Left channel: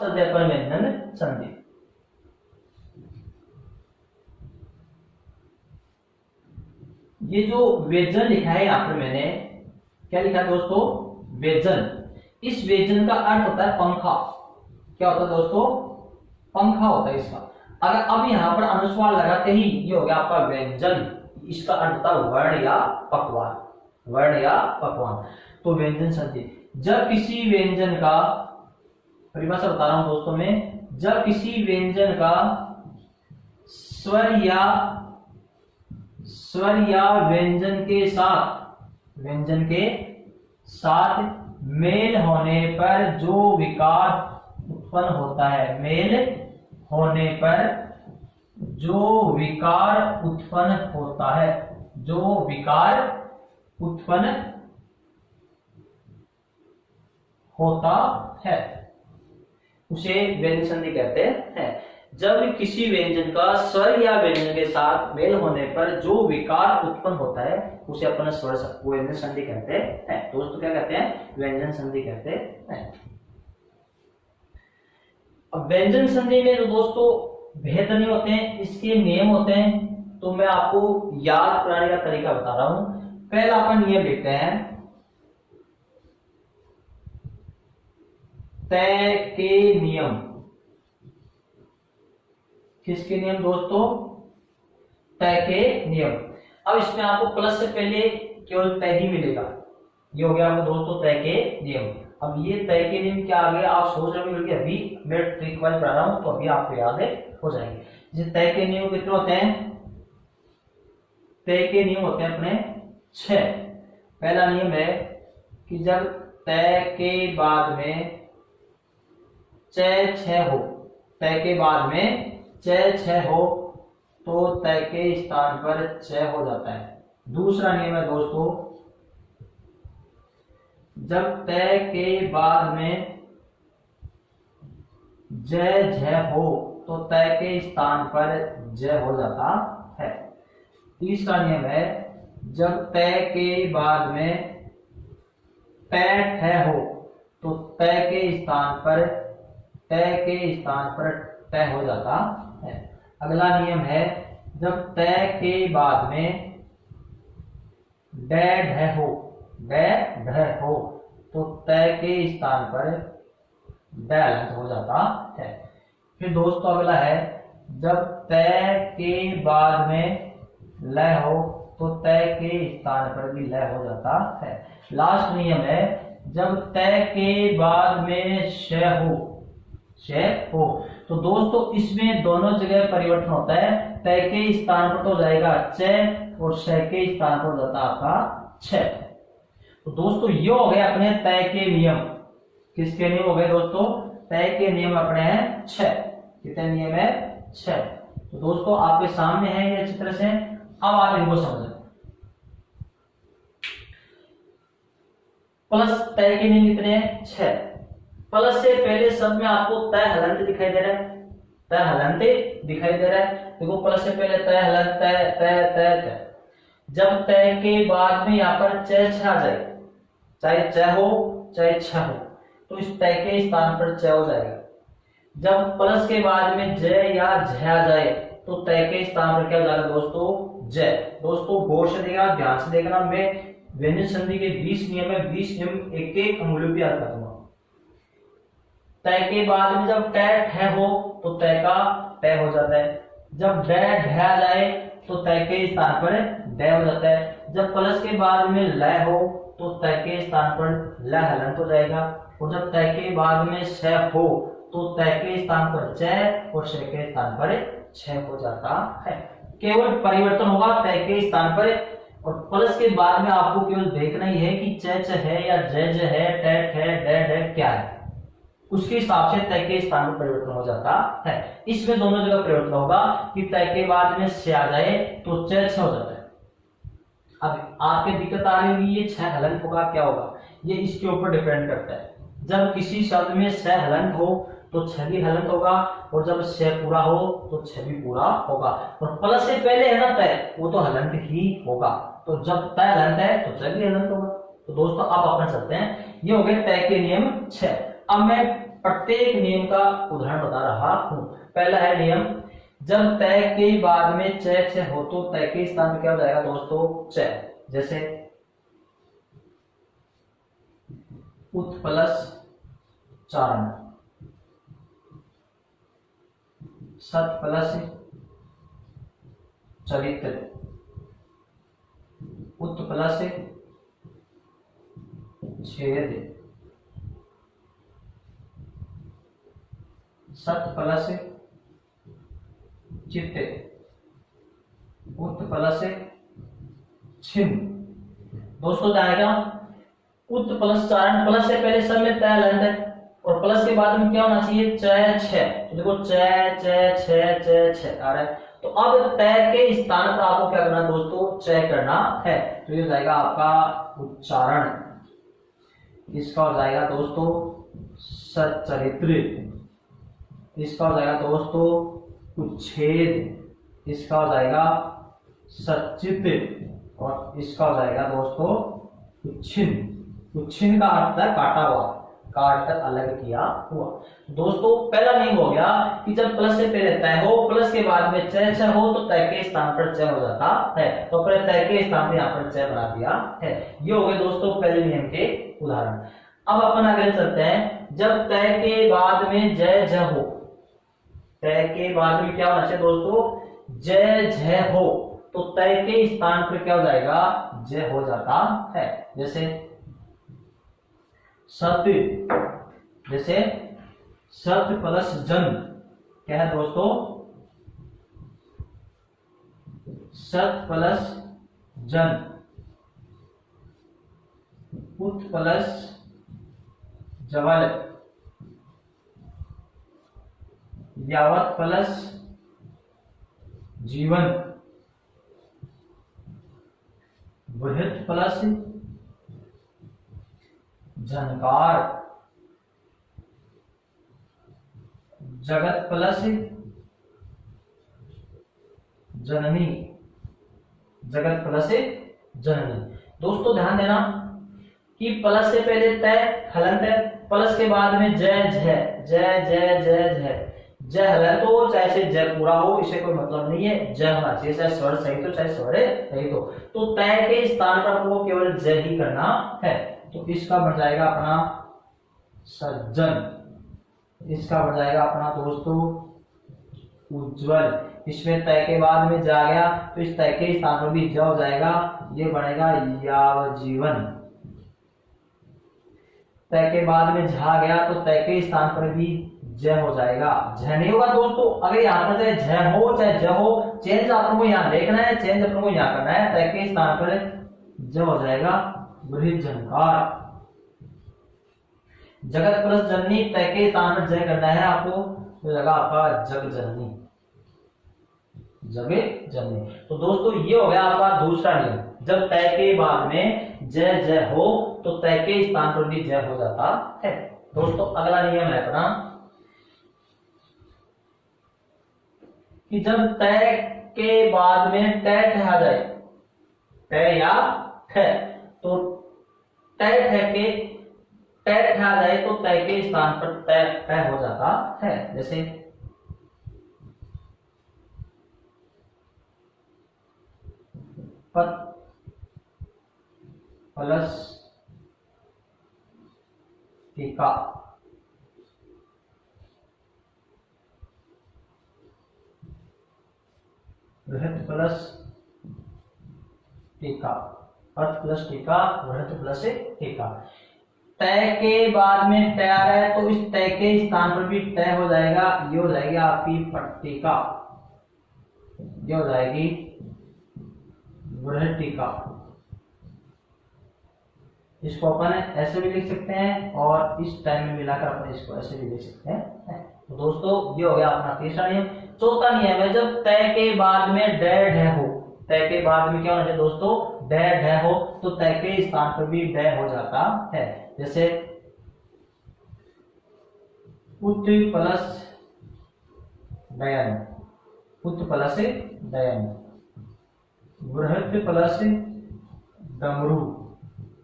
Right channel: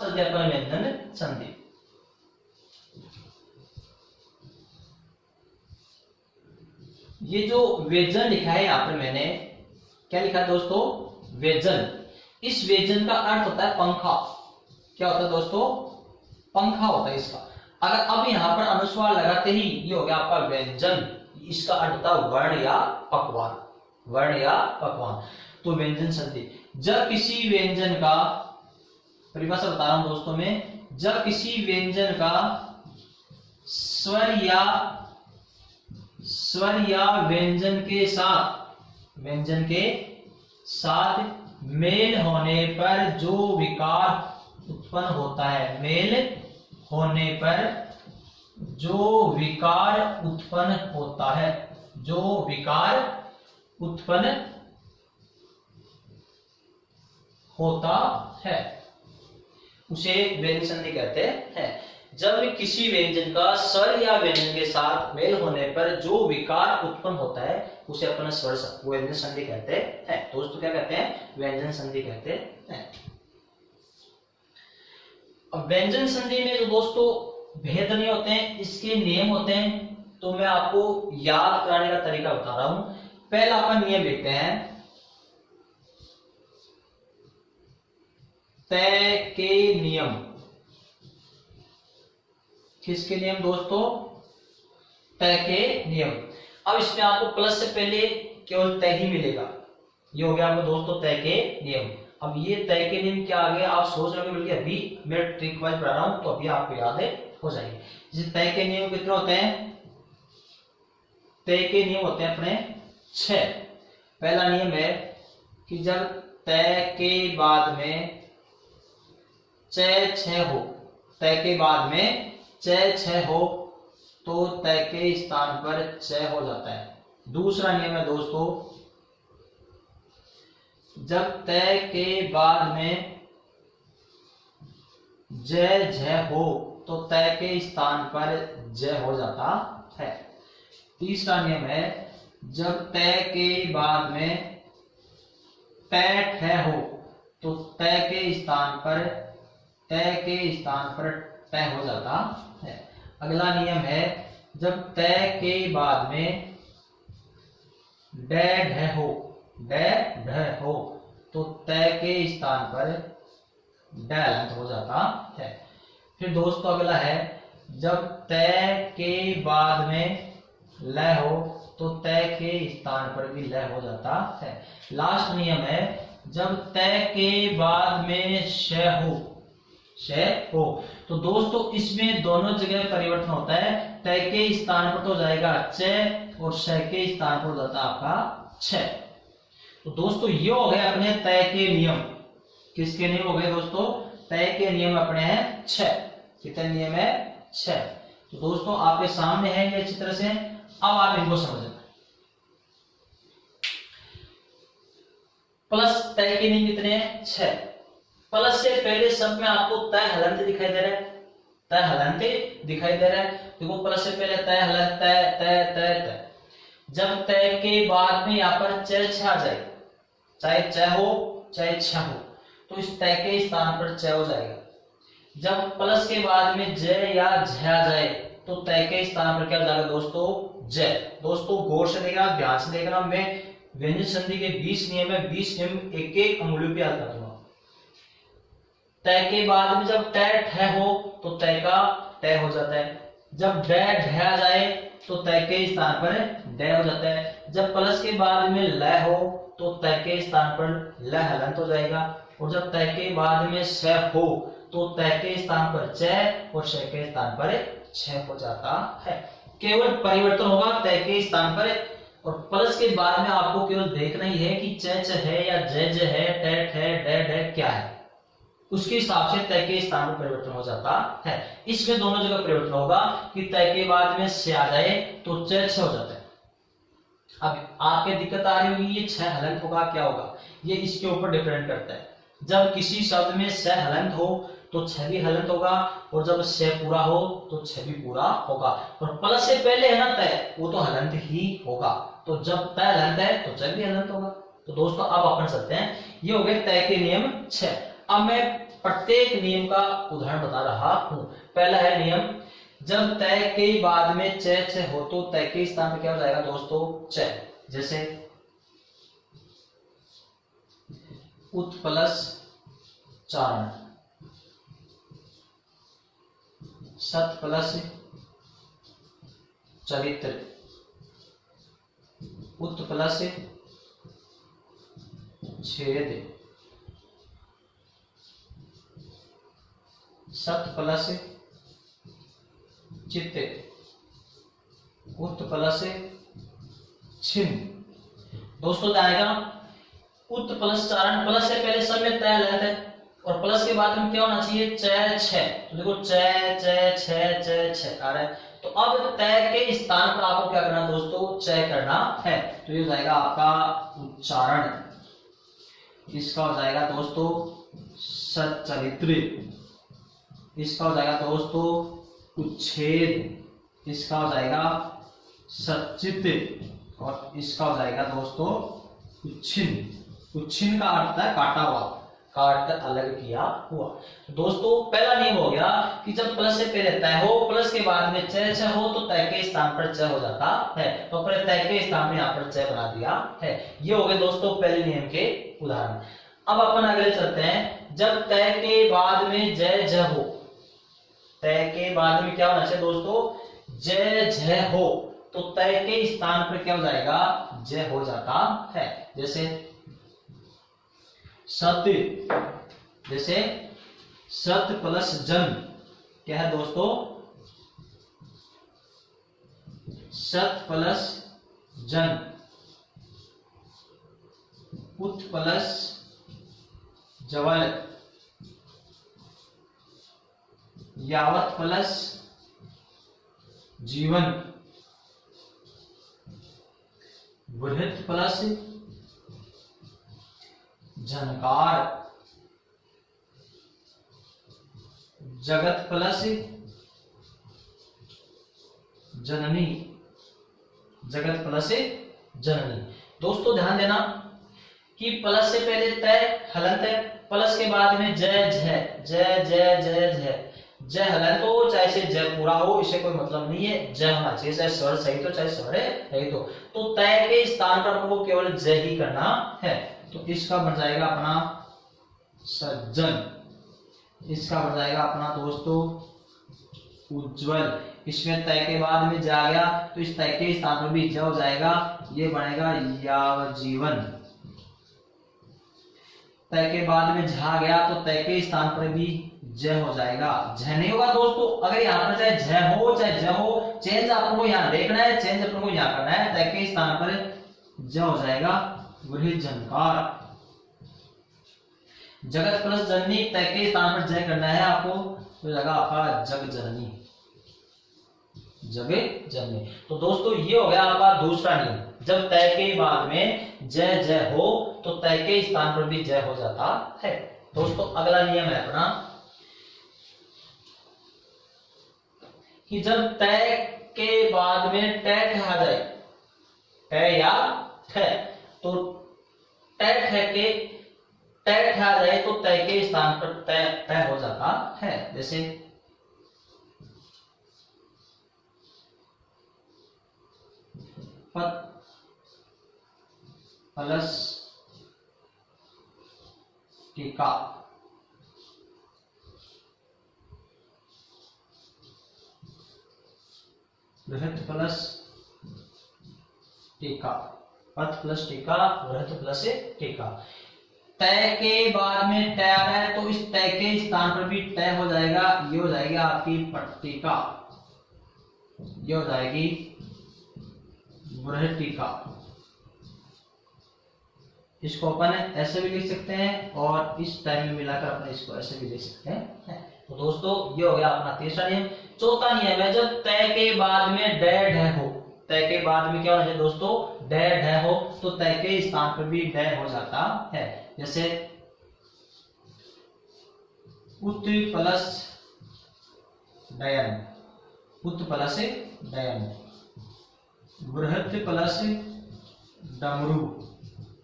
अपन व्यंजन संधि। ये जो व्यंजन लिखा है यहाँ पर मैंने क्या लिखा है दोस्तों, व्यंजन। इस व्यंजन का अर्थ होता है पंखा। क्या होता है दोस्तों, पंखा होता है इसका। अगर अब यहाँ पर अनुस्वार लगाते ही ये हो गया आपका व्यंजन। इसका अर्थ होता है वर्ण या पकवान, वर्ण या पकवान। तो व्यंजन संधि, जब किसी व्यंजन का, परिभाषा बता रहा हूं दोस्तों में, जब किसी व्यंजन का स्वर या व्यंजन के साथ मेल होने पर जो विकार उत्पन्न होता है, मेल होने पर जो विकार उत्पन्न होता है, जो विकार उत्पन्न होता है, उसे व्यंजन संधि कहते हैं। जब किसी व्यंजन का स्वर या व्यंजन के साथ मेल होने पर जो विकार उत्पन्न होता है उसे अपन स्वर व्यंजन संधि कहते हैं। दोस्तों क्या कहते हैं, व्यंजन संधि कहते हैं। अब व्यंजन संधि में जो दोस्तों भेद नहीं होते हैं, इसके नियम होते हैं। तो मैं आपको याद कराने का तरीका बता रहा हूं। पहला अपन नियम लिखते हैं, तय के नियम। किसके नियम दोस्तों, तय के नियम। अब इसमें आपको प्लस से पहले केवल तय ही मिलेगा। ये हो गया आपको दोस्तों तय के नियम। अब ये तय के नियम क्या आ गया, आप सोच रहे हो, अभी मैं ट्रिक वाइज पढ़ा रहा हूं तो अभी आपको याद हो जाएंगे। जैसे तय के नियम कितने होते हैं, तय के नियम होते हैं अपने 6। पहला नियम है कि जब तय के बाद में चय 6 हो, तय के बाद में चय 6 हो तो तय के स्थान पर चय हो जाता है। दूसरा नियम है दोस्तों, जब तय के बाद में जय झय हो तो तय के स्थान पर जय हो जाता है। तीसरा नियम है, जब तय के बाद में तय ठय हो तो तय के स्थान पर तय हो जाता है। अगला नियम है, जब तय के बाद में डै ढ हो तो तय के स्थान पर डैलंत हो जाता है। फिर दोस्तों अगला है, जब तय के बाद में लय हो तो तय के स्थान पर भी लय हो जाता है। लास्ट नियम है, जब तय के बाद में शय हो तो दोस्तों इसमें दोनों जगह परिवर्तन होता है। तय के स्थान पर तो जाएगा चय और शय के स्थान पर जाता आपका छय। तो दोस्तों ये हो गए अपने तय के नियम। किसके नियम हो गए दोस्तों, तय के नियम अपने हैं 6। कितने नियम है, 6। तो दोस्तों आपके सामने है ये अच्छी तरह से, अब आप इनको समझना। प्लस तय के नियम कितने हैं, 6। प्लस से पहले सब में आपको तय हलंत दिखाई दे रहा है, तय हलंत दिखाई दे रहा है। देखो प्लस से पहले तय हलंत, तय तय तय तय। जब तय के बाद में यहाँ पर चय 6 आ जाए, चाहे चय हो चाहे छ हो, तो इस तय के स्थान पर चय हो जाएगा। जब प्लस के बाद में जय या झ आ जाए तो तय के स्थान पर क्या हो जाएगा दोस्तों, जय। दोस्तों गौर से देखना, ध्यान से देखना। मैं व्यंजन संधि के 20 नियम है, 20 नियम एक एक अंगुलियों पे याद कर दूंगा। तय के बाद में जब तय ठय हो तो तय का तय हो जाता है। जब डै ढ आ जाए तो तय के स्थान पर डय हो जाता है। जब प्लस के बाद में लय हो तो तय के स्थान पर ल हलंत हो जाएगा। और जब तय के बाद में श हो तो तय के स्थान पर चय और श के स्थान पर छय हो जाता है। केवल परिवर्तन होगा तय के स्थान पर। और प्लस के बाद में आपको केवल देखना ही है कि च च है या ज ज है, ट ठ ड ढ क्या है, उसके हिसाब से तय के स्थान पर परिवर्तन हो जाता है। इसमें दोनों जगह परिवर्तन होगा कि तय के बाद में से आ जाए तो च छ हो जाता है। अब आपके दिक्कत आ रही होगी ये छ हलंत होगा क्या होगा, ये इसके ऊपर डिपेंड करता है। जब किसी शब्द में स हलंत हो तो छ भी हलंत होगा, और जब स पूरा हो तो छ भी पूरा होगा। और प्लस से पहले है ना तय, वो तो हलंत ही होगा। तो जब तय हलंत है तो च भी हलंत होगा। तो दोस्तों अब अपन चलते हैं, ये हो गए तय के नियम 6। अब मैं प्रत्येक नियम का उदाहरण बता रहा हूं। पहला है नियम, जब तय के बाद में च हो तो तय के स्थान पर क्या हो जाएगा दोस्तों, च। जैसे उत प्लस चारण, सत प्लस चरित्र, उत प्लस छेद, सत प्लस चित्त, उत प्लस छिन्न। दोस्तों जाएगा उत प्लस चारण, प्लस से पहले सब में तय हलंत है और प्लस के बाद में क्या होना चाहिए, च छ। तो देखो च च छ च छ आ रहा है। तो अब तय के स्थान पर आपको क्या करना दोस्तों, च करना है। तो ये हो जाएगा आपका उच्चारण। इसका हो जाएगा दोस्तों सच्चरित्र, इसका हो जाएगा दोस्तों उच्छेद, इसका हो जाएगा सच्चित और इसका हो जाएगा दोस्तों उच्छिन्न। उच्छिन्न का अर्थ है काटा हुआ, काट कर अलग किया हुआ। दोस्तों पहला नियम हो गया कि जब प्लस से पहले तय हो, प्लस के बाद में च हो तो तय के स्थान पर च हो जाता है। तो पहले तय के स्थान पर यहाँ पर च बना दिया है। ये हो गए दोस्तों पहले नियम के उदाहरण। अब अपन अगले चलते हैं, जब तय के बाद में जय ज हो, तय के बाद में क्या होना चाहिए दोस्तों, जय झ हो तो तय के स्थान पर क्या हो जाएगा, जय हो जाता है। जैसे सत्य, जैसे सत्य प्लस जन क्या है दोस्तों, सत प्लस जन, उत प्लस जवल, यावत प्लस जीवन, बृहत प्लस झनकार, जगत प्लस जननी, जगत प्लस जननी। दोस्तों ध्यान देना कि प्लस से पहले तय हलंत है, प्लस के बाद में जय झ, जय जय जय झ, जय हलंत हो चाहे से जय पूरा हो, इसे कोई मतलब नहीं है, जय होना चाहिए, चाहे स्वर सही तो चाहे स्वर रहित हो। तो तय के स्थान पर वो केवल जय ही करना है। तो इसका बन जाएगा अपना सज्जन, इसका बन जाएगा अपना दोस्तों उज्जवल। इसमें तय के बाद में जा गया तो इस तय के स्थान पर भी ज हो जाएगा, ये बनेगा यावजीवन। तय के बाद में झा गया तो तय के स्थान पर भी ज हो जाएगा, झ नहीं होगा दोस्तों। अगर यहाँ पर चाहे झ हो चाहे ज हो, चेंज अपन को यहाँ देखना है, चेंज अपन को यहाँ करना है। तय के स्थान पर ज हो जाएगा बृहत झंकार। जगत प्लस जननी, तय के स्थान पर जय करना है आपको, तो जगह आपका जग जननी, जग जननी। तो दोस्तों ये हो गया आपका दूसरा नियम, जब तय के बाद में जय जय हो तो तय के स्थान पर भी जय हो जाता है। दोस्तों अगला नियम है अपना कि जब तय के बाद में टय ठहरा जाए, टय या ठ, तो टय ठह के तय ठहरा जाए तो तय के स्थान पर तय तय हो जाता है। जैसे पत प्लस टीका, बृहत प्लस टीका, पथ प्लस टीका, बृहत प्लस टीका। तय के बाद में तय आ रहा है तो इस तय के स्थान पर भी तय हो जाएगा, ये हो जाएगी आपकी पट्टिका, ये हो जाएगी बृहटिका। इसको अपन ऐसे भी लिख सकते हैं और इस टाइम में मिलाकर अपन इसको ऐसे भी लिख सकते हैं। तो दोस्तों ये हो गया अपना तीसरा नियम। चौथा नियम है जब तय के बाद में डय ढ हो, तय के बाद में क्या होना चाहिए दोस्तों, डय ढ हो तो तय के स्थान पर भी डय हो जाता है। जैसे उत प्लस डयन, उत प्लस डयन, बृहत प्लस डमरू,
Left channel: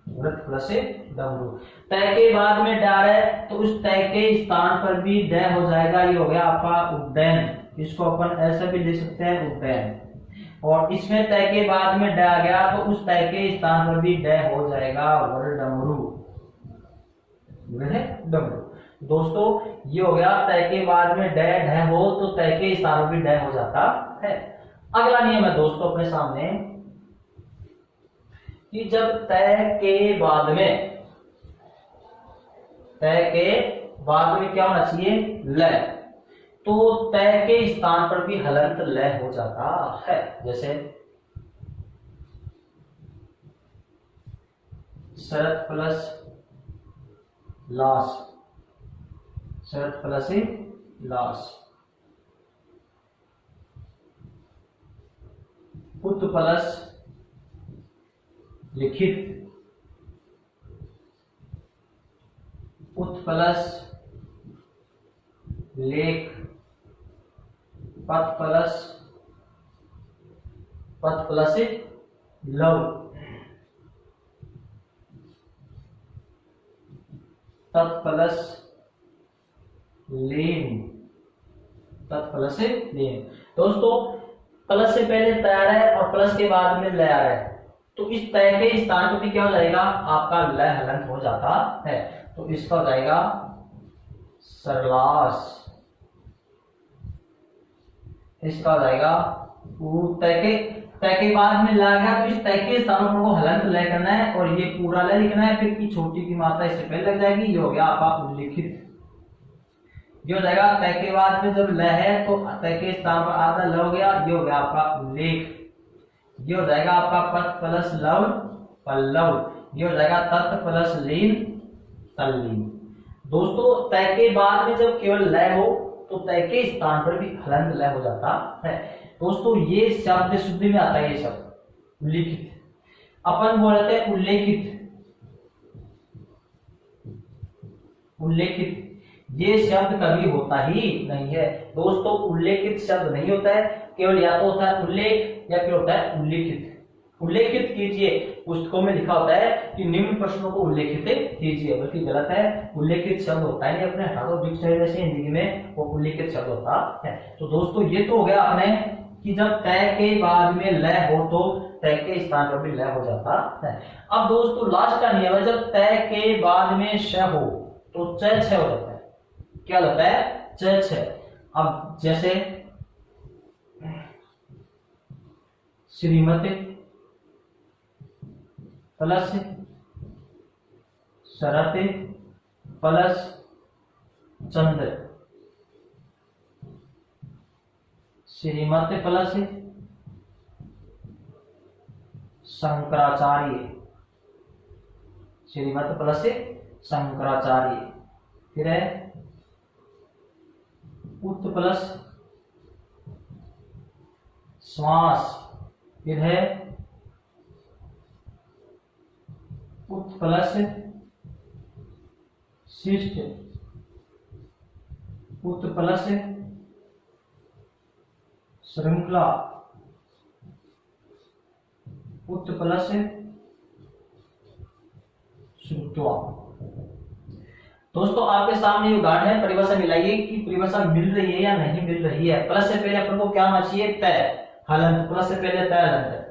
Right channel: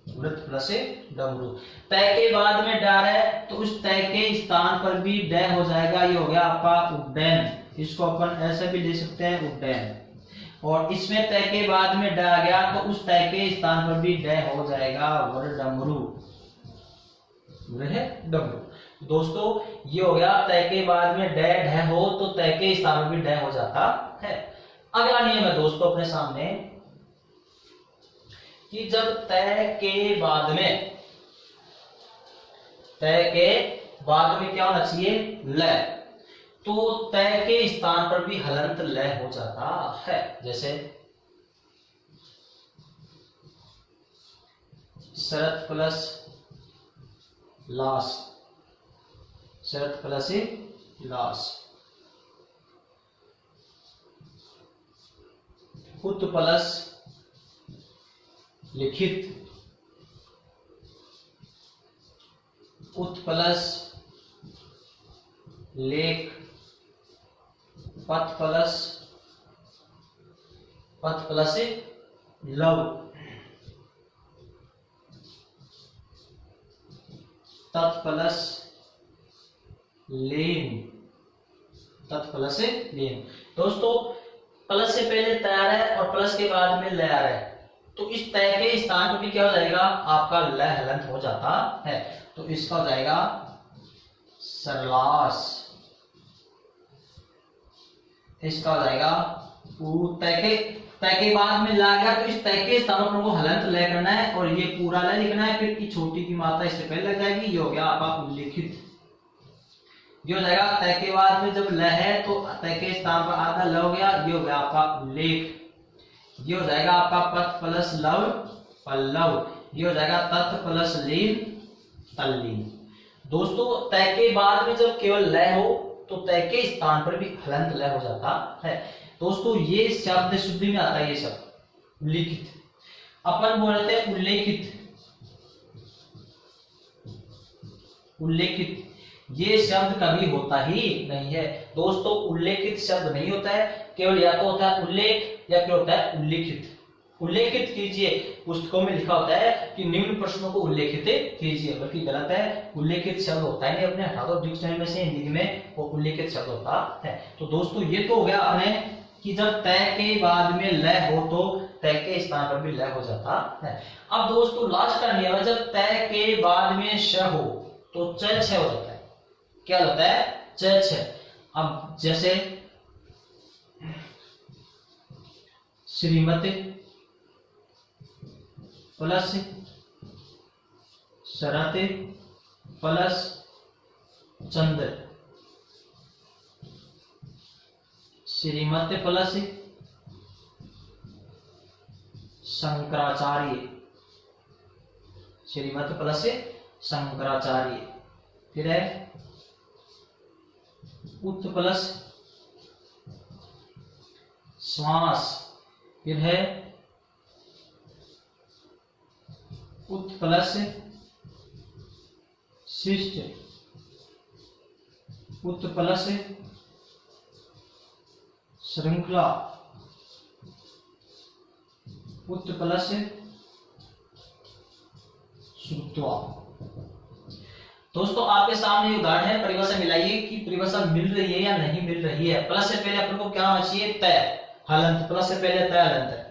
वृत्त प्लस डमरू। तय के बाद में डा है तो उस तय के स्थान पर भी ड हो जाएगा, ये हो गया आपका उड्डयन। इसको अपन ऐसे भी ले सकते हैं उड्डयन। और इसमें तय के बाद में ड आ गया तो उस तय के स्थान पर भी ड हो जाएगा वरडमरू, डमरू। दोस्तों ये हो गया तय के बाद में ड ढ हो तो तय के स्थान पर भी ड हो जाता है। अगला नियम है दोस्तों अपने सामने कि जब तय के बाद में क्या होना चाहिए, ल, तो तय के स्थान पर भी हलंत ल हो जाता है। जैसे शरत प्लस लाश, शरत प्लस लाश, उत प्लस लिखित, उत प्लस लेख, पथ प्लस लव, तत् प्लस लेन, तत् प्लस लेन। दोस्तों प्लस से पहले तैयार है और प्लस के बाद में लय आ रहा है, तो इस तय के स्थान पर भी क्या हो जाएगा, आपका ल हलंत हो जाता है। तो इसका हो जाएगा सरलास, इसका हो जाएगा तय के बाद में ला गया तो इस तय के स्थानों पर वो हलंत लय करना है और ये पूरा लय लिखना है, फिर की छोटी की मात्रा इससे पहले लग जाएगी। ये हो गया आपका उल्लिखित। ये हो जाएगा तय के बाद में जब लय है तो तय के स्थान पर आधा ल हो गया, ये हो गया आपका उल्लेख। ये हो जाएगा आपका पथ प्लस लव पल्लव, ये हो जाएगा तत् प्लस लीन तल्लीन। दोस्तों तय के बाद में जब केवल लय हो तो तय के स्थान पर भी हलंत लय हो जाता है। दोस्तों ये शब्द शुद्धि में आता है, ये शब्द उल्लिखित। अपन बोलते हैं उल्लेखित, उल्लेखित ये शब्द कभी होता ही नहीं है। दोस्तों उल्लेखित शब्द नहीं होता है, केवल या तो होता है उल्लेख या फिर होता है उल्लिखित। उल्लेखित कीजिए, पुस्तकों में लिखा होता है कि निम्न प्रश्नों को उल्लेखित कीजिए, बल्कि गलत है। उल्लेखित शब्द होता है नहीं, अपने हटा दो डिक्शनरी में से, हिंदी में वो उल्लेखित शब्द होता है। तो दोस्तों ये तो हो गया अपने कि जब तय के बाद में लय हो तो तय के स्थान पर भी लय हो जाता है। अब दोस्तों लास्ट का नियम है, जब तय के बाद में श हो तो च छ हो जाता है। क्या होता है, च छ। अब जैसे श्रीमती प्लस शरत प्लस चंद्र, श्रीमती प्लस शंकराचार्य, श्रीमती प्लस शंकराचार्य, फिर है उत प्लस श्वास, फिर है उत प्लस शिष्ट, उत प्लस श्रृंखला, उत प्लस श्रुत्वा। दोस्तों आपके सामने उदाहरण है, परिभाषा मिलाइए कि परिभाषा मिल रही है या नहीं मिल रही है। प्लस से पहले अपन को क्या होना चाहिए, तय हलंत, प्लस से पहले तय हलंत है।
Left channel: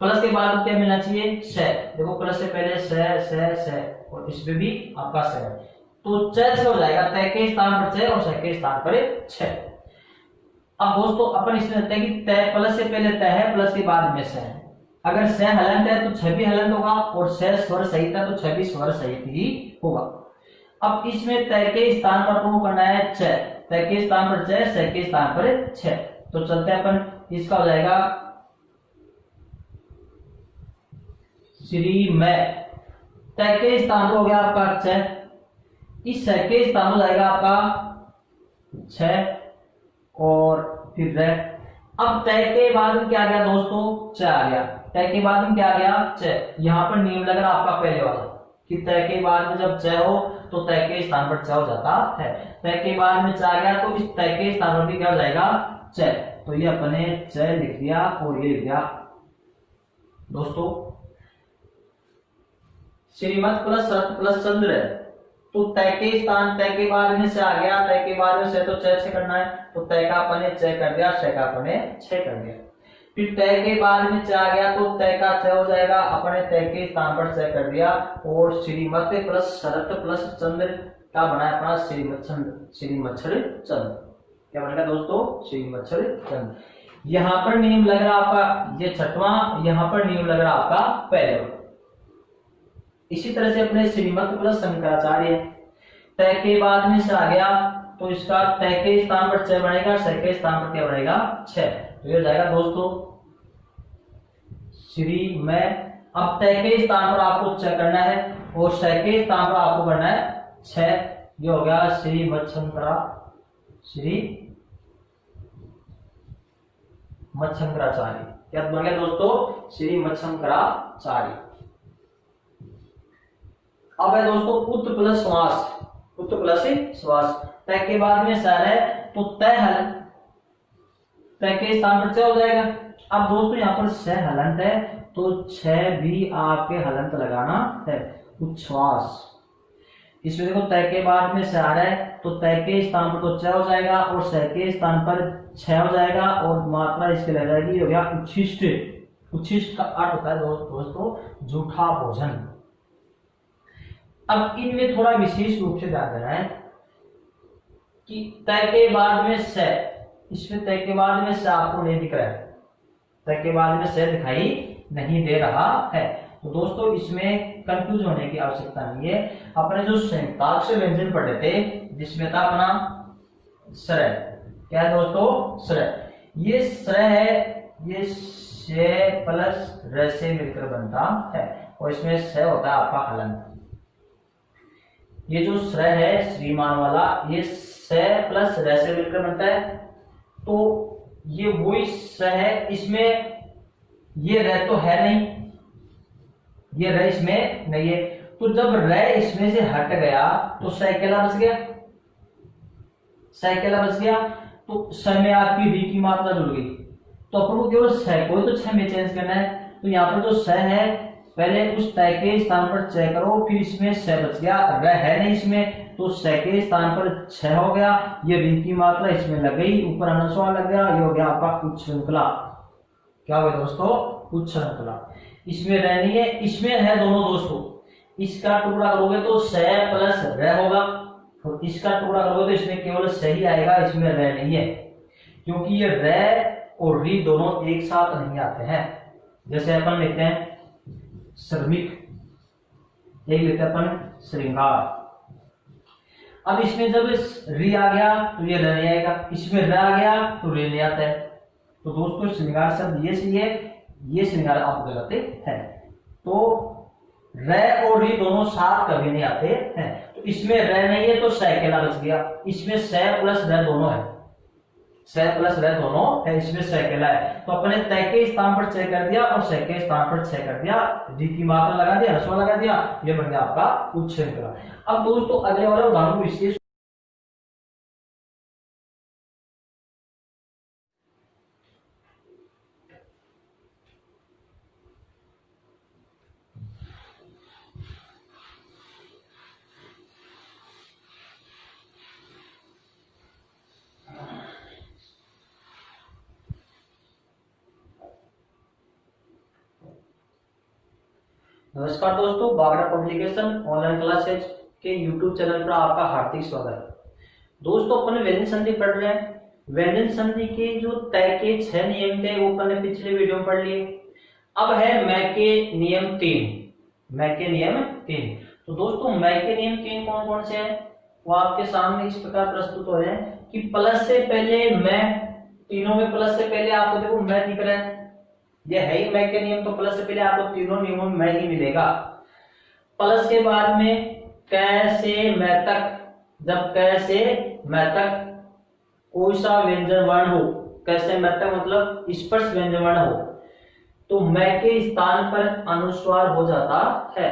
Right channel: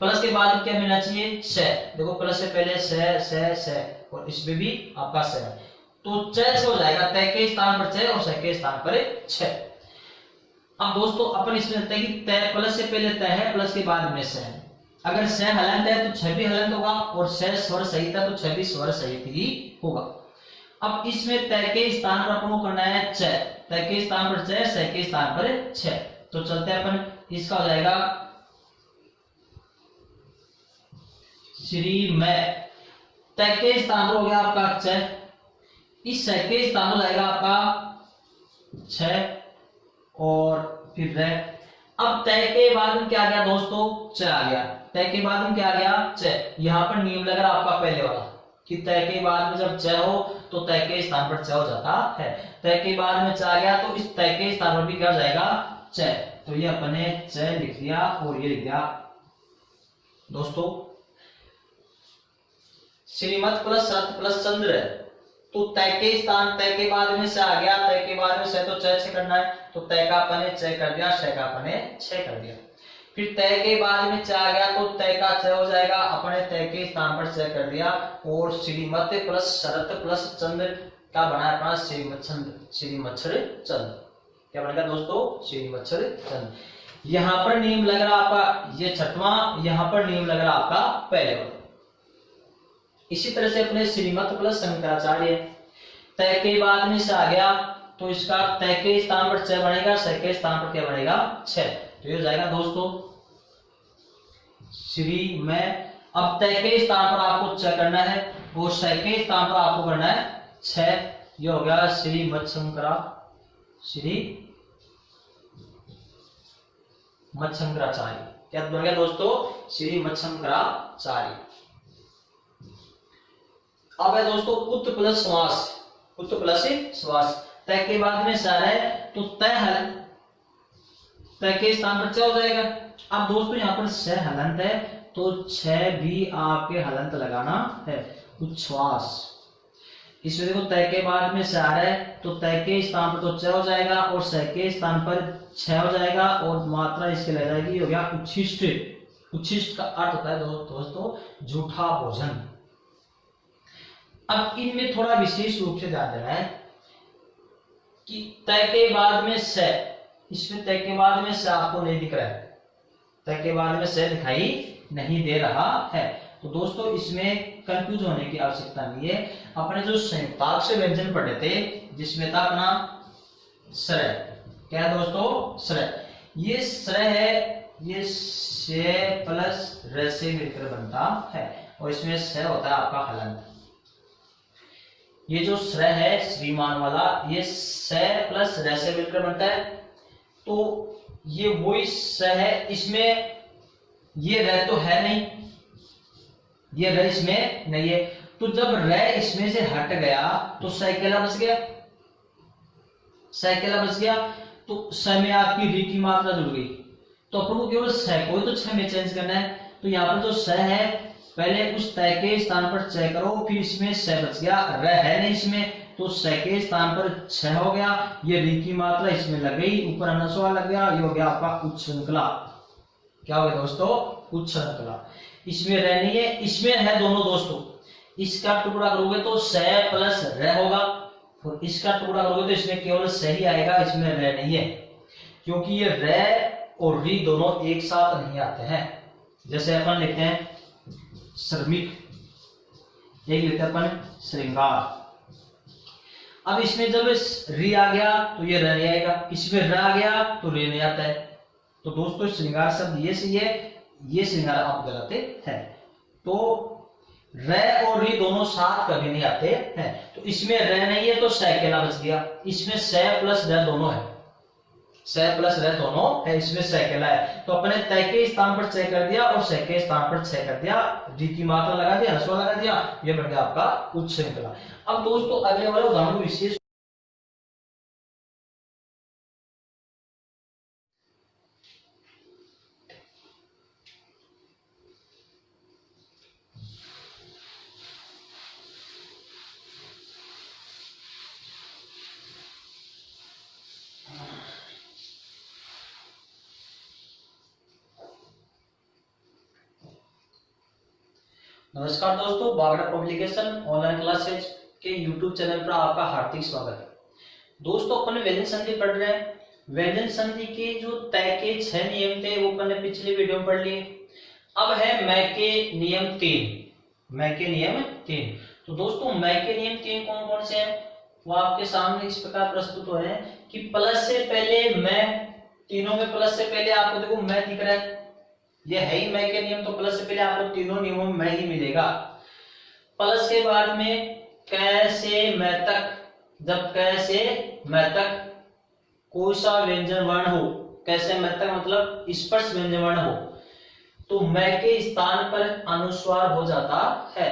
प्लस के बाद क्या मिलना चाहिए, श। देखो प्लस से पहले स और इसमें भी आपका स है, तो च हो जाएगा, तय के स्थान पर च और स के स्थान पर छ। अब दोस्तों अपन इसमें लगता है कि तय प्लस से पहले तय है, प्लस के बाद में स है। अगर स हलंत है तो छ भी हलंत होगा और स स्वर सहित है तो छ भी स्वर सहित ही होगा। अब इसमें तय के स्थान पर अपन को करना है च, तय के स्थान पर च, स के स्थान पर छ। तो चलते हैं अपन, इसका हो जाएगा श्री में, तय के स्थान पर हो गया आपका च, इस स के स्थान हो जाएगा आपका छ और फिर र। अब तय के बाद में क्या आ गया दोस्तों, च आ गया। तय के बाद में क्या आ गया, च। यहाँ पर नियम लग रहा आपका पहले वाला कि तय के बाद में जब च हो तो तय के स्थान पर च हो जाता है। तय के बाद में च आ गया तो इस तय के स्थान पर भी क्या हो जाएगा, च। तो ये अपने च लिख दिया और ये लिख दिया। दोस्तों श्रीमत प्लस शरत प्लस चंद्र है, तो तय के स्थान तय के बाद में से आ गया, तय के बाद में से तो छ करना है, तो तय का अपने छ कर दिया, छ का अपने छ कर दिया। फिर तय के बाद में छ आ गया तो तय का छ हो जाएगा, अपने तय के स्थान पर छ कर दिया, और श्रीमत प्लस शरत प्लस चंद्र का बना अपना श्रीमच्छर चंद्र। क्या बनेगा दोस्तों? श्रीमच्छर चंद्र। यहाँ पर नियम लग रहा आपका ये छठवां, यहाँ पर नियम लग रहा आपका पहले। इसी तरह से अपने श्रीमत प्लस शंकराचार्य, तय के बाद में से आ गया तो इसका तय के स्थान पर छ बनेगा, श के स्थान पर क्या बनेगा? छ। तो ये हो जाएगा दोस्तों श्री में। अब तय के स्थान पर आपको छ करना है और श के स्थान पर आपको करना है छ। ये हो गया श्रीमत शंकराचार्य। क्या बन गया दोस्तों? श्रीमत शंकराचार्य। अब है दोस्तों उत्त प्लस श्वास, उत्त प्लस श्वास। तय के बाद में सर है तो तय के स्थान पर छ हो जाएगा। अब दोस्तों यहाँ पर छ हलंत है तो छ भी आपके हलंत लगाना है, उच्छ्वास। इसमें देखो तय के बाद में सर है तो तय के स्थान पर तो छ हो जाएगा और स के स्थान पर छ हो जाएगा और मात्रा इसके लग जाएगी, हो गया उच्छिष्ट। उच्छिष्ट का अर्थ होता है दोस्तों झूठा भोजन। अब इनमें थोड़ा विशेष रूप से ध्यान देना है कि तय के बाद में स, इसमें तय के बाद में स आपको नहीं दिख रहा है, तय के बाद में स दिखाई नहीं दे रहा है, तो दोस्तों इसमें कंफ्यूज होने की आवश्यकता नहीं है। अपने जो संयुक्ताक्षर व्यंजन पढ़े थे जिसमें था अपना स्र, क्या है दोस्तों? स्र। ये स्र है, ये श प्लस र से मिलकर बनता है और इसमें स होता है आपका हलंत। ये जो स्र है श्रीमान वाला, ये स प्लस र से मिलकर बनता है, तो ये वही स है। इसमें ये र तो है नहीं, ये र इसमें नहीं है, तो जब र इसमें से हट गया तो स अकेला बच गया, स अकेला बच गया, तो स में आपकी री की मात्रा जुड़ गई। तो अपन को केवल स को तो छ में चेंज करना है, तो यहाँ पर जो स है पहले उस तय के स्थान पर छ करो, फिर इसमें स बच गया, र है नहीं इसमें, तो स के स्थान पर छ हो गया, ये री की मात्रा इसमें लग गई, ऊपर अनुस्वार लग गया, ये हो गया आपका उच्छृंखला। क्या हो गया दोस्तों? उच्छृंखला। इसमें र नहीं है, इसमें है दोनों दोस्तों। इसका टुकड़ा करोगे तो स प्लस र होगा, और इसका टुकड़ा करोगे तो इसमें केवल स ही आएगा, इसमें र नहीं है, क्योंकि ये र और री दोनों एक साथ नहीं आते हैं। जैसे अपन लिखते हैं श्रमिक, एक लिखते हैं अपन श्रृंगार। अब इसमें जब री आ गया तो ये र नहीं आएगा, इसमें र आ गया तो रे नहीं आता है, तो दोस्तों श्रृंगार शब्द ये सही है, ये श्रृंगार आप गलत है। तो र और री दोनों साथ कभी नहीं आते हैं, तो इसमें र नहीं है तो स अकेला बच गया, इसमें स प्लस र दोनों है, स प्लस र दोनों है, इसमें स अकेला है, तो अपने तय के स्थान पर छ कर दिया और स के स्थान पर छ कर दिया, री की मात्रा लगा दिया, ह्रस्व लगा दिया, ये बन गया आपका उच्छृंखला। अब दोस्तों अगले वाले उदाहरण विशेष नमस्कार दोस्तों, बागड़ा पब्लिकेशन ऑनलाइन क्लासेज के यूट्यूब चैनल पर आपका हार्दिक स्वागत है। दोस्तों अपन व्यंजन संधि पढ़ रहे हैं। व्यंजन संधि के जो तय के 6 नियम थे वो अपन ने पिछले वीडियो में पढ़ लिए। अब है मैं के नियम 3, मैं के नियम 3। तो दोस्तों मैं के नियम 3 कौन कौन से हैं वो आपके सामने इस प्रकार प्रस्तुत हो रहे हैं कि प्लस से पहले मैं, तीनों में प्लस से पहले आपको देखो मैं दिख रहा है, ये है ही मैं के नियम, तो प्लस से पहले आपको तीनों नियमों में मैं ही मिलेगा। प्लस के बाद में कैसे मैं तक, जब कैसे मैं तक कोई सा व्यंजन वर्ण हो, कैसे मैं तक मतलब स्पर्श व्यंजन वर्ण हो, तो मैं के स्थान पर अनुस्वार हो जाता है,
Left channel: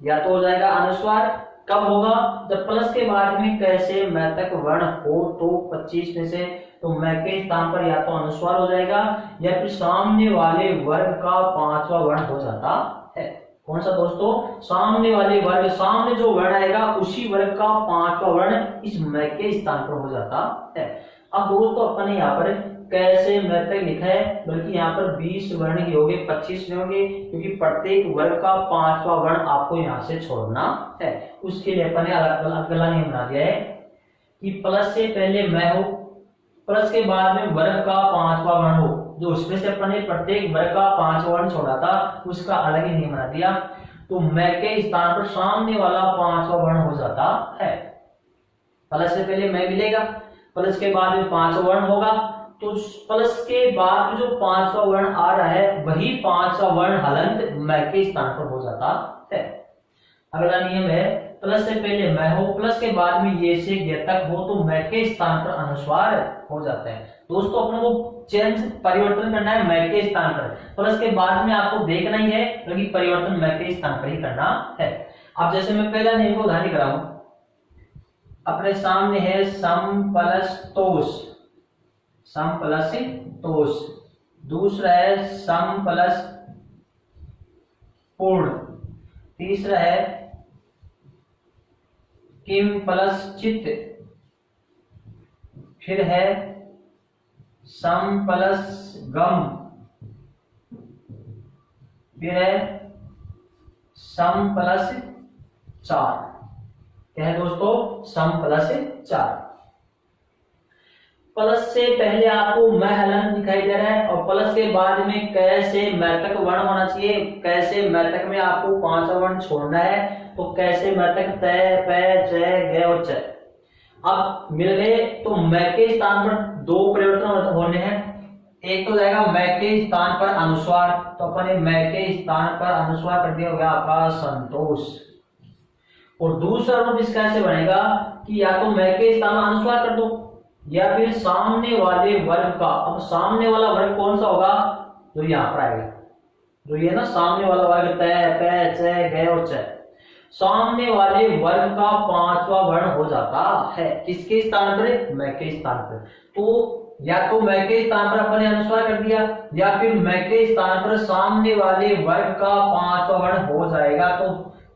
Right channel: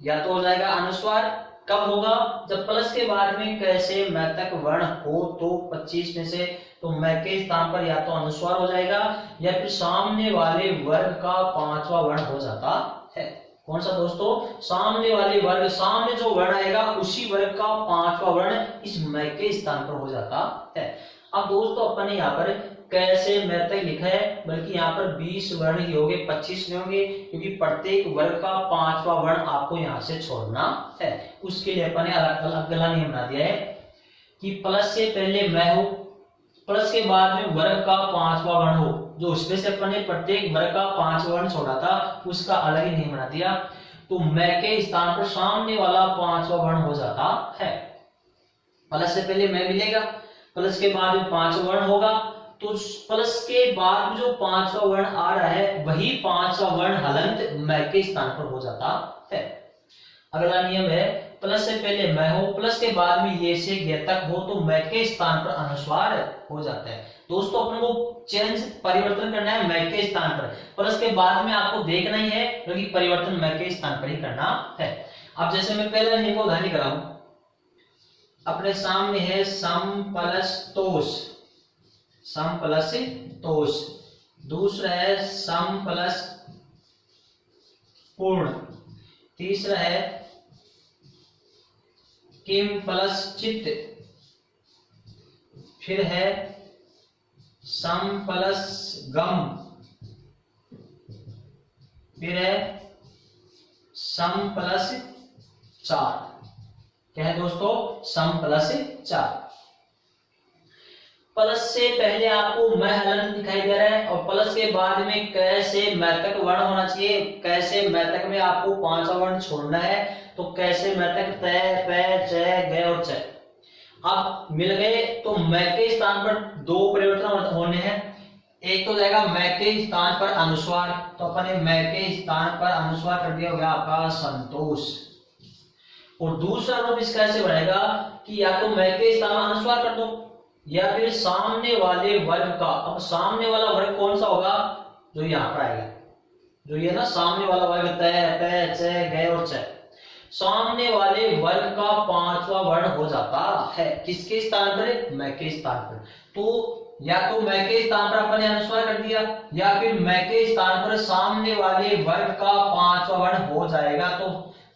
या तो हो जाएगा अनुस्वार। कब होगा? जब प्लस के बाद में कैसे मैं तक वर्ण हो, तो 25 में से तो मैं के स्थान पर या तो अनुस्वार हो जाएगा या फिर सामने वाले वर्ग का 5वां वर्ण हो जाता है। कौन सा दोस्तों? सामने वाले वर्ग, सामने जो वर्ण आएगा उसी वर्ग का पांचवा वर्ण इस मैं के स्थान पर हो जाता है। अब दोस्तों अपन ने यहाँ पर कैसे मैं तक लिखा है, बल्कि यहाँ पर 20 वर्ण ही होंगे, 25 नहीं होंगे, क्योंकि प्रत्येक वर्ग का पांचवा वर्ण आपको यहाँ से छोड़ना है। उसके लिए अपन ने अगला नियम बना दिया है कि प्लस से पहले मैं हो, प्लस के बाद में वर्ग का पांचवा वर्ण हो, जो उसमें से अपन ने प्रत्येक वर्ग का पांचवा वर्ण छोड़ा था उसका अलग ही नियम बना दिया। तो मैं के स्थान पर सामने वाला पांचवा वर्ण हो जाता है। प्लस से पहले मैं मिलेगा, प्लस के बाद में पांचवा वर्ण होगा, तो प्लस के बाद में जो पांचवा वर्ण आ रहा है वही पांचवा वर्ण हलंत मैं के स्थान पर हो जाता है। अगला नियम है प्लस से पहले मैं हो, प्लस के बाद में ये से ये तक हो, तो मैं के स्थान पर अनुस्वार हो जाता है। दोस्तों अपने को चेंज परिवर्तन करना है मैं के स्थान पर, प्लस के बाद में आपको देखना ही है, क्योंकि परिवर्तन मैं के स्थान पर ही करना है। अब जैसे मैं पहला नियम को उदाहरण कराऊं, अपने सामने है सम प्लस तोष, सम प्लस तोष। दूसरा है सम प्लस पूर्ण। तीसरा है किम प्लस चित्त। फिर है सम प्लस गम। फिर है सम प्लस 4। क्या है दोस्तों? सम प्लस 4। प्लस से पहले आपको मैं हलन दिखाई दे रहा है, और प्लस के बाद में कैसे मैतक वर्ण होना चाहिए, कैसे मैतक में आपको पांचवा वर्ण छोड़ना है, तो कैसे मैतक तय, पै, जय, गय और च। अब मिल गए तो मैं के स्थान पर दो परिवर्तन होने हैं। एक तो जाएगा मैं के स्थान पर अनुस्वार, तो अपने मैं के स्थान पर अनुस्वार कर दिया, हो गया आपका संतोष। और दूसरा रूप इसका ऐसे बनेगा कि या तो मैं के स्थान में अनुस्वार कर दो, या फिर सामने वाले वर्ग का। अब सामने वाला वर्ग कौन सा होगा? जो यहाँ पर आएगा, जो ये ना सामने वाला वर्ग तय, पै, च, गय और च, सामने वाले वर्ग का पांचवा वर्ण हो जाता है। किसके स्थान पर? मैं के स्थान पर। तो या तो मैं के स्थान पर अपने अनुस्वार कर दिया, या फिर मैं के स्थान पर सामने वाले वर्ग का पांचवा वर्ण हो जाएगा। तो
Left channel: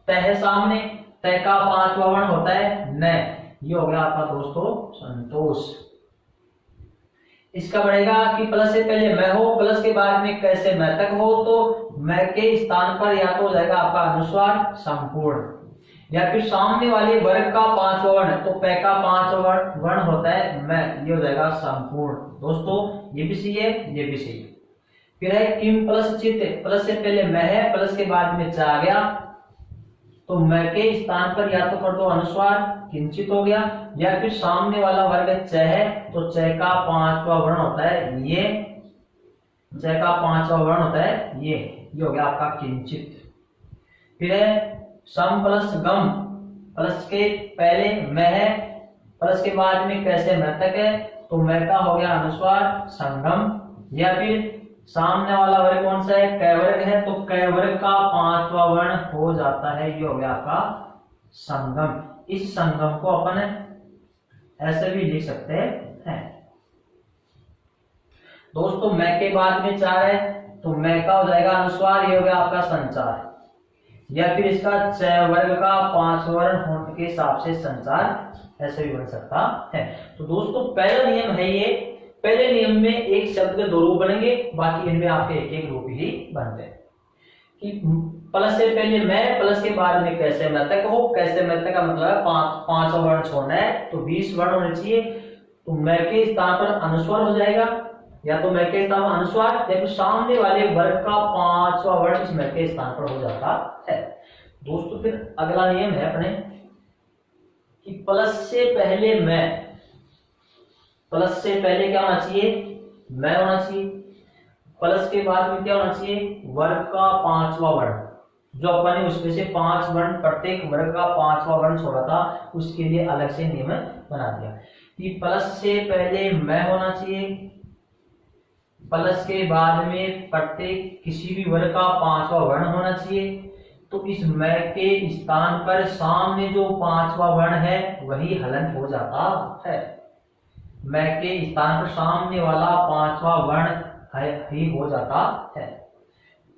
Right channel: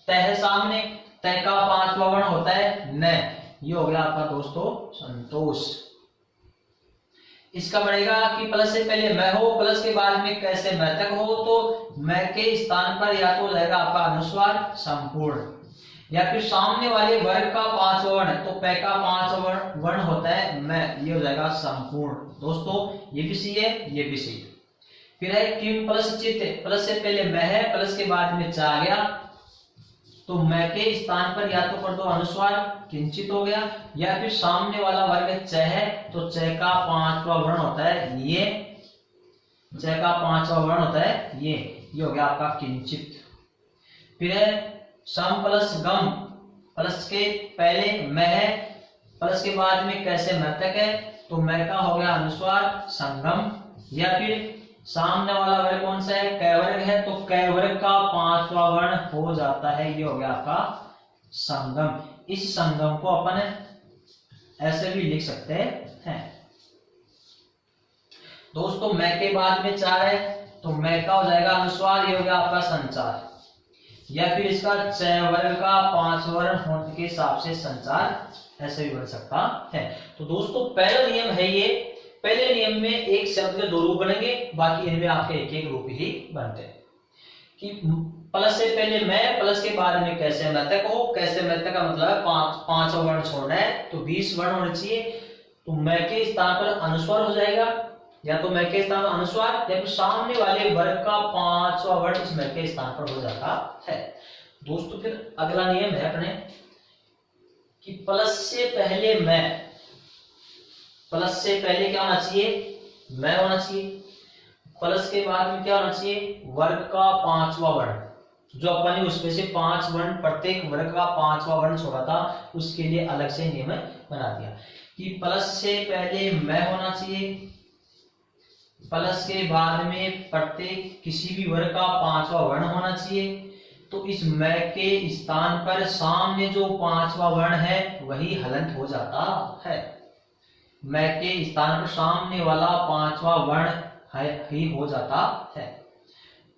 तय सामने, तय का पांचवा वर्ण होता है न। ये हो गया आपका दोस्तों संतोष। इसका बढ़ेगा कि प्लस से पहले मैं हो, प्लस के बाद में कैसे मैं तक हो, तो मैं के स्थान पर या तो हो जाएगा आपका अनुस्वार संपूर्ण, या फिर सामने वाले वर्ग का पांचवा वर्ण, तो पै का पांचवा वर्ण होता है मैं, ये हो जाएगा संपूर्ण। दोस्तों ये भी सही है, ये भी सही है। फिर है किम प्लस चित्त। प्लस से पहले मैं है, प्लस के बाद में च आ गया, तो मैं के स्थान पर या तो कर दो अनुस्वार, किंचित हो गया, या फिर सामने वाला वर्ग च है, तो च का पांचवा वर्ण होता है ये, च का पांचवा वर्ण होता है ये हो गया आपका किंचित। फिर है सम प्लस गम। प्लस के पहले मैं है, प्लस के बाद में कैसे मैं तक है, तो मैं का हो गया अनुस्वार संगम, या फिर सामने वाला वर्ग कौन सा है? कै वर्ग है, तो कै वर्ग का पांचवा वर्ण हो जाता है, ये हो गया आपका संगम। इस संगम को अपन ऐसे भी लिख सकते हैं। दोस्तों मैं के बाद में 4 है, तो मैं का हो जाएगा अनुस्वार, ये हो गया आपका संचार, या फिर इसका च वर्ग का पांचवा वर्ण होने के हिसाब से संचार ऐसे भी बन सकता है। तो दोस्तों पहला नियम है ये, पहले नियम में एक शब्द के 2 रूप बनेंगे, बाकी इनमें आपके एक रूप ही बनते हैं। कि प्लस से पहले मैं, प्लस के बाद में कैसे मैं तक हो, कैसे मैं तक का मतलब है पांचवा वर्ण छोड़ना है, तो 20 वर्ण होने चाहिए। तो मैं के स्थान पर अनुस्वार हो जाएगा, या तो मैं के स्थान पर अनुस्वार, या फिर सामने वाले वर्ग का पांचवा वर्ण इस मैं के स्थान पर हो जाता है। दोस्तों फिर अगला नियम है अपने कि प्लस से पहले मैं, प्लस से पहले क्या होना चाहिए? मैं होना चाहिए। प्लस के बाद में क्या होना चाहिए? वर्ग का पांचवा वर्ण, जो अपन ने उसमें से 5 वर्ण, प्रत्येक वर्ग का पांचवा वर्ण छोड़ा था, उसके लिए अलग से नियम बना दिया कि प्लस से पहले मैं होना चाहिए, प्लस के बाद में प्रत्येक किसी भी वर्ग का पांचवा वर्ण होना चाहिए। तो इस मैं के स्थान पर सामने जो पांचवा वर्ण है वही हलंत हो जाता है। मैं के स्थान पर सामने वाला पांचवा वर्ण ही हो जाता है।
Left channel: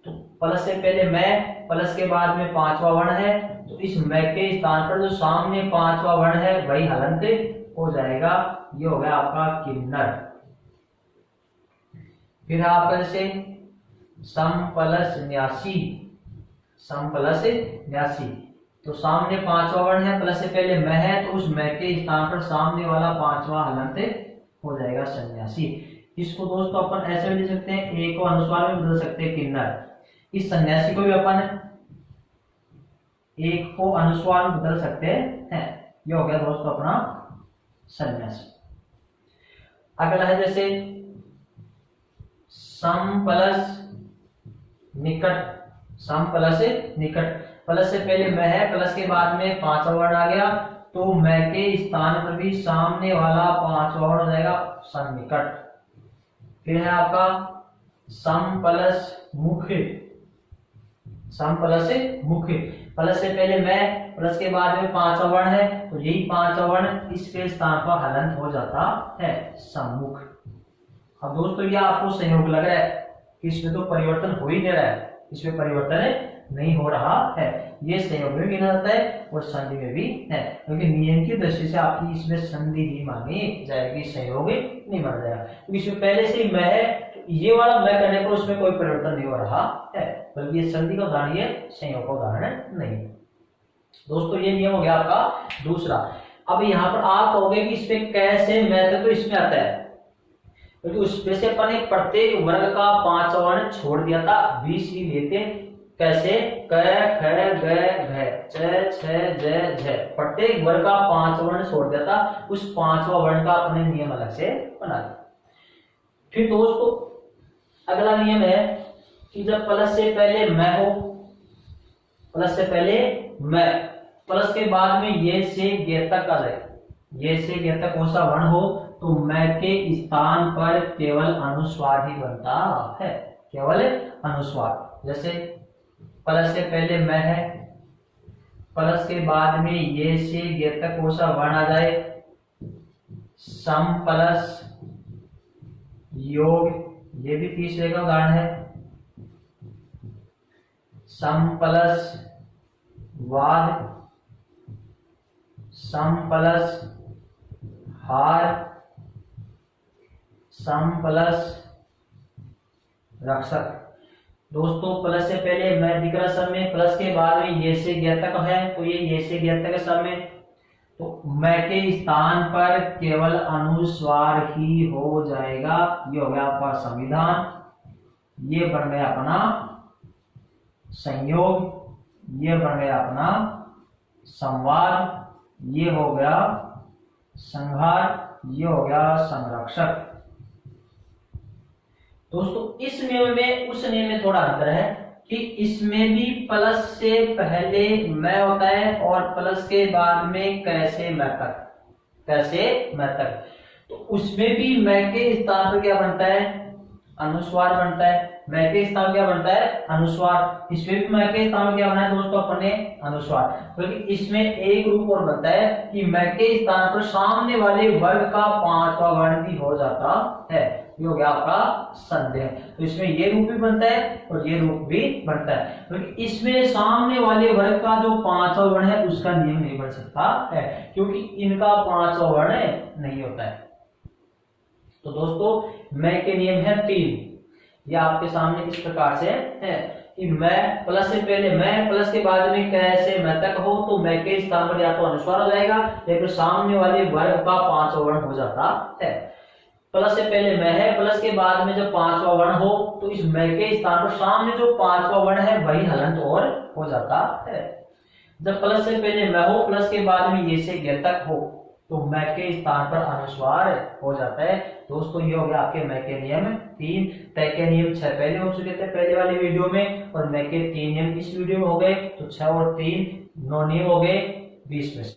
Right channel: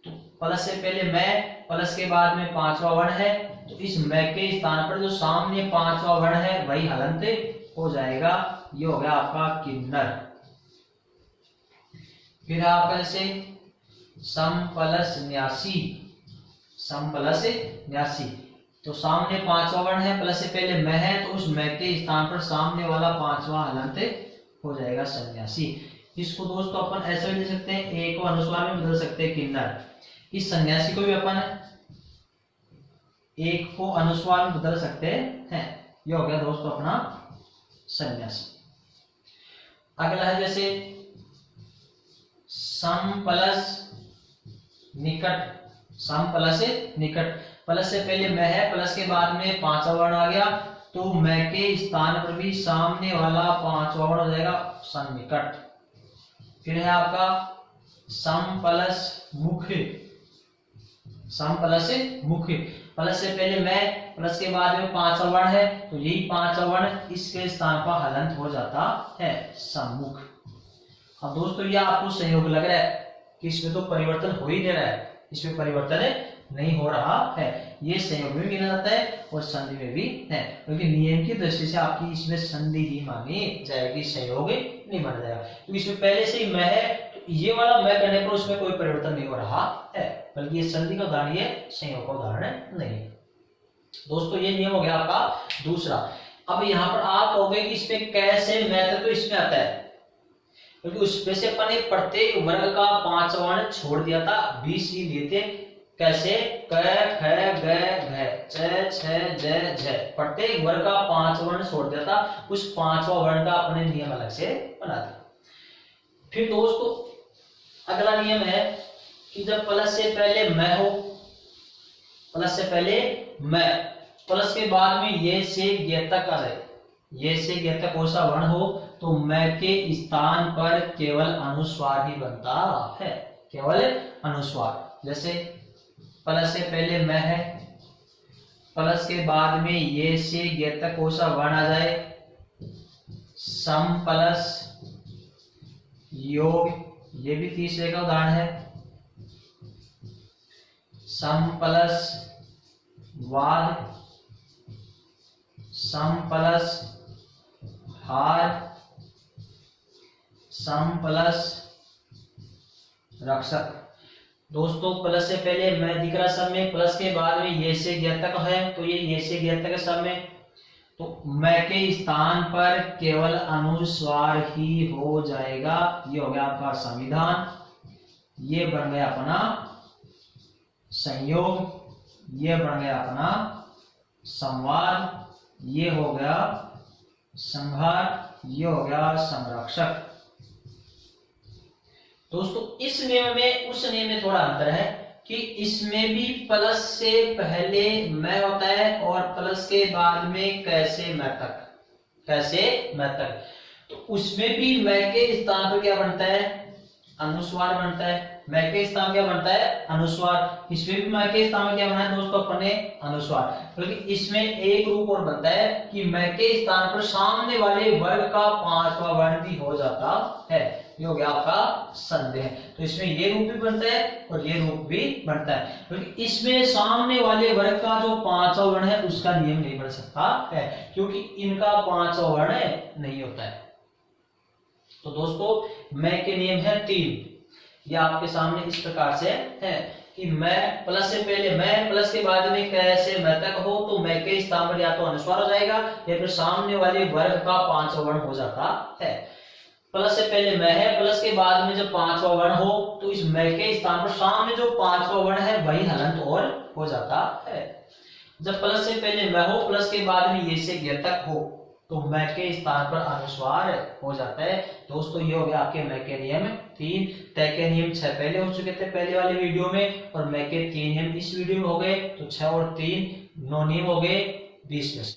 तो प्लस से पहले मैं, प्लस के बाद में पांचवा वर्ण है, तो इस मैं के स्थान पर जो सामने पांचवा वर्ण है वही हलंत हो जाएगा। ये हो गया आपका किन्नर। फिर है आपका जैसे सम प्लस न्यासी, सम प्लस न्यासी, तो सामने पांचवा वर्ण है, प्लस से पहले मैं है, तो उस मैं के स्थान पर सामने वाला पांचवा हलंत हो जाएगा सन्यासी। इसको दोस्तों अपन ऐसे भी लिख सकते हैं, ए को अनुस्वार में बदल सकते हैं किन्नर। इस सन्यासी को भी अपन एक को अनुस्वार में बदल सकते हैं। ये हो गया दोस्तों अपना सन्यासी। अगला है जैसे सम प्लस निकट, सम प्लस निकट, प्लस से पहले मैं है, प्लस के बाद में पांचवा वर्ण आ गया, तो मैं के स्थान पर भी सामने वाला पांचवा वर्ण हो जाएगा सन्निकट। फिर है आपका सम प्लस मुख्य, सम प्लस मुख्य, प्लस से पहले मैं, प्लस के बाद में पांचवा वर्ण है, तो यही पांचवा वर्ण इसके स्थान पर हलंत हो जाता है सम्मुख। अब दोस्तों यह आपको संयोग लग रहा है कि इसमें तो परिवर्तन हो ही नहीं रहा है, इसमें परिवर्तन नहीं हो रहा है, ये संयोग में गिना जाता है और संधि में भी है, क्योंकि नियम की दृष्टि से आपकी इसमें संधि ही मानी जाएगी, संयोग नहीं माना जाएगा। तो इसमें पहले से ही मैं है, तो ये वाला मैं करने पर उसमें कोई परिवर्तन नहीं हो रहा है, बल्कि ये संधि का उदाहरण, ये संयोग का उदाहरण नहीं। दोस्तों ये नियम हो गया आपका दूसरा। अब यहाँ पर आप कहोगे कि इसमें कैसे मैं, तो इसमें आता है क्योंकि उसमें से अपन ने प्रत्येक वर्ग का पांच वर्ण छोड़ दिया था, 20 ही लेते। कैसे? क ख ग घ च छ ज झ, प्रत्येक वर्ग का पांच वर्ण छोड़ दिया था, उस पांचवा वर्ण का अपने नियम अलग से बना दिया। फिर दोस्तों अगला नियम है कि जब प्लस से पहले मैं हो, प्लस से पहले मैं, प्लस के बाद में ये से गे तक आ जाए, ये से गे तक कौन सा वर्ण हो, तो मैं के स्थान पर केवल अनुस्वार ही बनता है, केवल अनुस्वार। जैसे प्लस से पहले मैं है, प्लस के बाद में ये से गे तक कौन सा वर्ण आ जाए, सम प्लस योग, ये भी तीसरे का उदाहरण है, सम प्लस वाद, सम प्लस हार, सम प्लस रक्षक। दोस्तों प्लस से पहले मैं दिख रहा सम में, प्लस के बाद में ये से गे तक है, तो ये से गे तक है सम में, तो मैं के स्थान पर केवल अनुस्वार ही हो जाएगा। ये हो गया आपका संविधान, ये बन गया अपना संयोग, ये बन गया अपना संवाद, ये हो गया संहार, ये हो गया संरक्षक। दोस्तों इस नियम में उस नियम में थोड़ा अंतर है कि इसमें भी प्लस से पहले मैं होता है और प्लस के बाद में कैसे मैं तक, कैसे मैं तक, तो उसमें भी मैं के स्थान पर क्या बनता है, अनुस्वार बनता है। मैं के स्थान क्या बनता है, अनुस्वार। इसमें भी मैं के स्थान में क्या बना है दोस्तों अपने अनुस्वार, क्योंकि इसमें एक रूप और बनता है कि मैं के स्थान पर सामने वाले वर्ग का पांचवा वर्ण भी हो जाता है, ये हो गया आपका संदेह। तो इसमें ये रूप भी बनता है और ये रूप भी बनता है, क्योंकि इसमें सामने वाले वर्ग का जो पांचवा वर्ण है उसका नियम नहीं बन सकता है, क्योंकि इनका पांचवा वर्ण नहीं होता है। तो दोस्तों मैं के नियम है 3, ये आपके सामने इस प्रकार से है कि मैं प्लस से पहले मैं, प्लस के बाद में कैसे मैं तक हो, तो मैं के स्थान पर या तो अनुस्वार हो जाएगा या फिर सामने वाले वर्ग का पांचवा वर्ण हो जाता है। प्लस से पहले मैं है, प्लस के बाद में जब पांचवा वर्ण हो, तो इस मैं के स्थान पर सामने जो पांचवा वर्ण है वही हलंत और हो जाता है। जब प्लस से पहले मैं हो, प्लस के बाद में ये से गे तक हो, तो मैं के स्थान पर अनुस्वार हो जाता है। दोस्तों ये हो गया आपके मैं के नियम 3। तय के नियम 6 पहले हो चुके थे पहले वाले वीडियो में, और मैं के 3 नियम इस वीडियो में हो गए, तो 6 और 3 9 नियम हो गए 20 में से।